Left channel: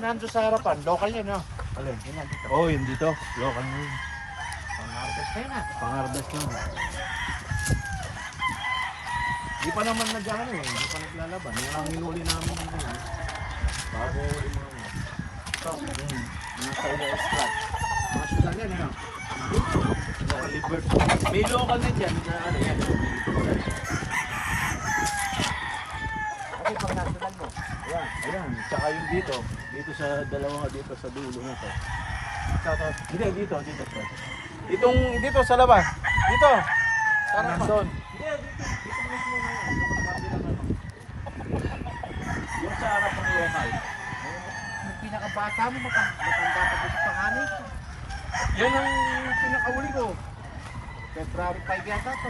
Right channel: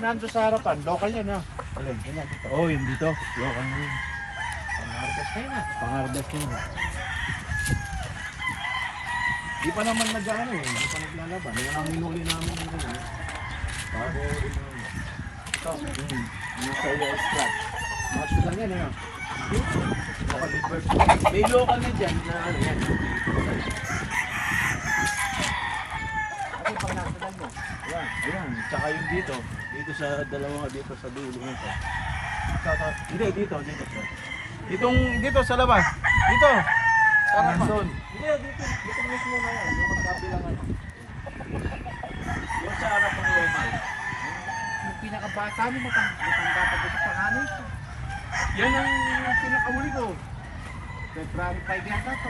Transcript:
nando sa harapan, local yan, no? Alin, yun na dito. Oh, yun dito. Local na yun. Pang-harvest na yun, ah. Pang-harvest yun. Di pa naman nag-ano eh, di pa naglalaban. Yan ang hinuli namin ngayon. Bago yung mga... Ito, yung sa scratch. Match lang yan, ano? Local bird. May local net yan, hindi na ano yan. Ayan, ayan. Tsaka yung dito. Dito sa dalawa dito sa dulo nito. Hindi, dito. Dito sa labas. Dito. Harapan. Hindi, dito. Dito mismo na yan. Yung magkabilang ano. Yung sa harap ng lemay. Yung pinakabata mo, matanda pa sa pangalan. Yan ang pinakahuli ko. February 5 yata ito.